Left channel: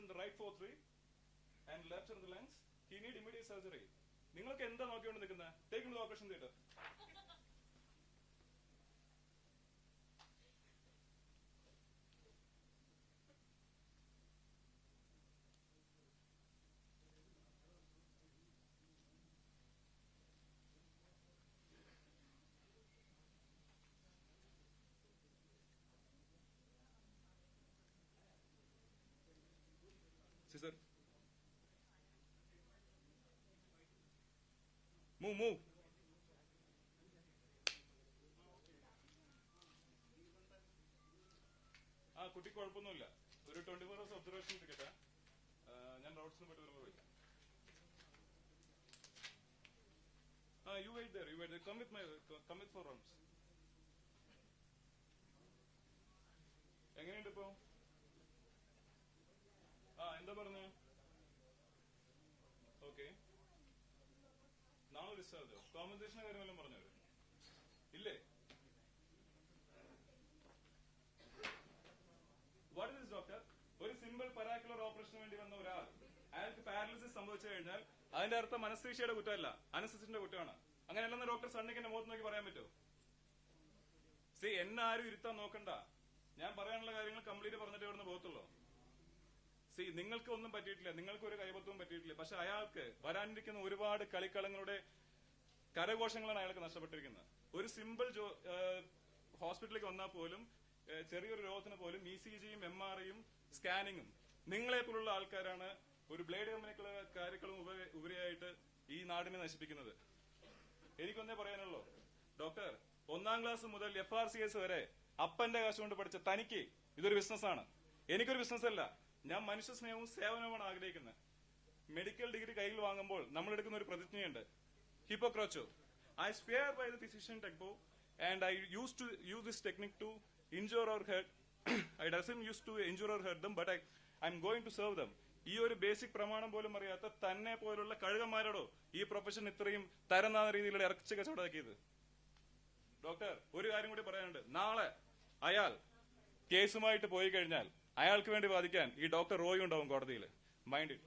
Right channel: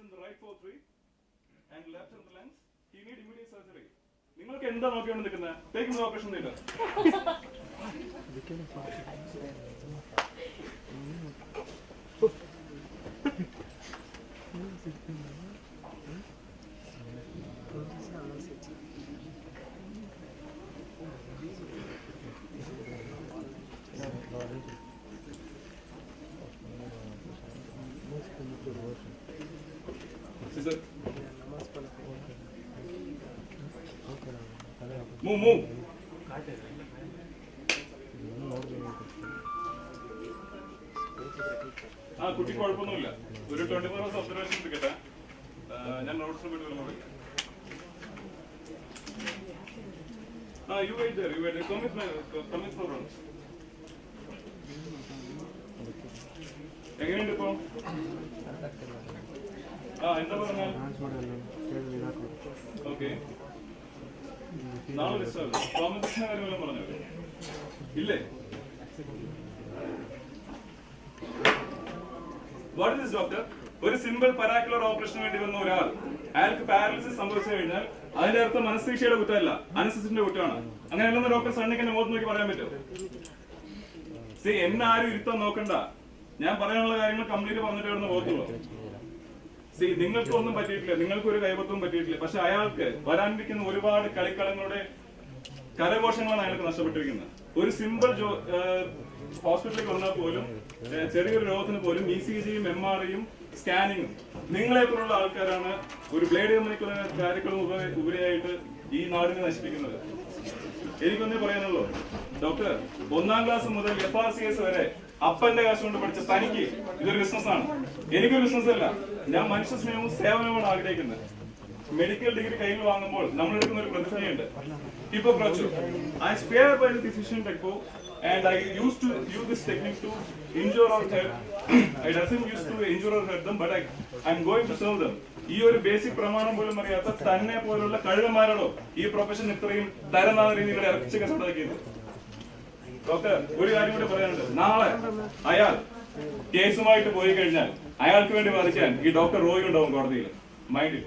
in the right forceps and left in the lens. He need immediate surgery. നിങ്ങൾക്ക് എന്താ നോക്കിയാണ് നിൽക്കുന്നത്? Take him to operation theater. Move. കുട്ടി കുഴപ്പമൊന്നുമില്ല. ഒരു 24 hours ഒബ്സർവേഷൻ എടുക്കട്ടെ. ഞാൻ നോട്ട്സിന് വേണ്ടി വരുമ്പോൾ you wait there. Come with problems. എങ്ങനെയുണ്ട് ഇപ്പൊ? എന്താ പറഞ്ഞ? ഓക്കെ, നാളെ കോമ്പറ്റീഷൻ കാര്യമെല്ലാം പറഞ്ഞു ഇല്ലേ? What is doctor? ഒരു സിമ്പിൾ പരാക്കുലർ ഓപ്പറേഷന് വേണ്ടി വന്ന ഒരാൾ, അയാൾക്ക് പാരലിസിസ് സംഭവിച്ചു കഴിഞ്ഞാൽ അതിന്റെ അർത്ഥം അനസ്തീഷ്യയുടെ കുറ്റമല്ല, അനസ്തീഷ്യന്റെ കുറ്റമാണ്. അങ്ങനെയല്ലെന്ന് ഡോക്ടർ സണ്ണിക്ക് എന്നെ മുഖത്ത് നോക്കി പറയാൻ പറ്റും? എന്നെ ആരും ഇരുത്താൻ നോക്കണ്ട. ഞാൻ പറയാനുള്ള കാര്യങ്ങൾ കംപ്ലീറ്റ് പറഞ്ഞിട്ട് ഇവിടുന്ന് പോകത്തുള്ളൂ. നിങ്ങൾക്ക് ഒന്നും പറ്റിയിട്ടില്ല, നിങ്ങൾക്ക് ഒരു കൈവത്വം പറ്റിയിട്ടില്ല. പക്ഷെ അയാൾക്ക് വരാനിരിക്കുന്ന ഒരുപാട് കളിക്കളങ്ങളുടെ കരഘോഷങ്ങളാണ് അയാൾക്ക് നഷ്ടപ്പെട്ടിരിക്കുന്നത്. ഒരു സിമ്പിൾ ഹോസ്പിറ്റലിൽ വന്നാൽ പോലും ചെറിയൊരു രോഗത്തിന് പോലും ECGയും MRIയും സ്കാനിങ്ങും നിങ്ങളെപ്പോലുള്ള ആൾക്കാരാണ് ഒരു ബ്ലേഡ് കമ്പനിക്കുള്ള കാര്യങ്ങളും ഉപരിയായിട്ട് ഈ നാടിനെ നശിപ്പിക്കുന്നത്. എനിക്കൊന്നേ പറയാനുള്ളൂ ഡോക്ടർ, 1ാം ക്ലാസ് മുതൽ FRCS വരെ അപ്പന്റെ കാശ് കൊണ്ട് പഠിച്ച തനിക്ക് ഇതൊരു ബിസിനസ്സാണ്. എനിക്കൊരു ബിസിനസ് അല്ല. ഞാൻ മനുഷ്യ സ്നേഹവും സേവനവുമാണ് ആഗ്രഹിക്കുന്നത്. മെഡിക്കൽ ഡിഗ്രി കയ്യിൽ വാങ്ങുമ്പോൾ നമ്മൾ എടുക്കുന്ന ഒരു പ്രതിജ്ഞയുണ്ട്, Hippocrates. I swear by the physician technique and I used to use this technique to injure or hurt. I doesn't used to injure or hurt them, but I'm going to serve them. ഈ ഒരു basic പ്രമാണം പോലും അറിയാത്ത തന്നെ പോലുള്ള കഴുകന്മാരോടോ ഈ profession ഇത്രയും തരംതാണ രീതിയിൽ ഇറച്ചി കസടാക്കിയത്. ഡോക്ടർ, ഒരു കാര്യം കൂടി പറയാനുണ്ട്. നാളെ അയാൾ കേസുമായിട്ട് പോയി കഴിഞ്ഞാൽ അയാൾക്ക് വേണ്ടി വാദിക്കാൻ ഈ ഡോക്ടർ റോയി ഉണ്ടാവും കോടതിയിൽ. മൈൻഡിൽ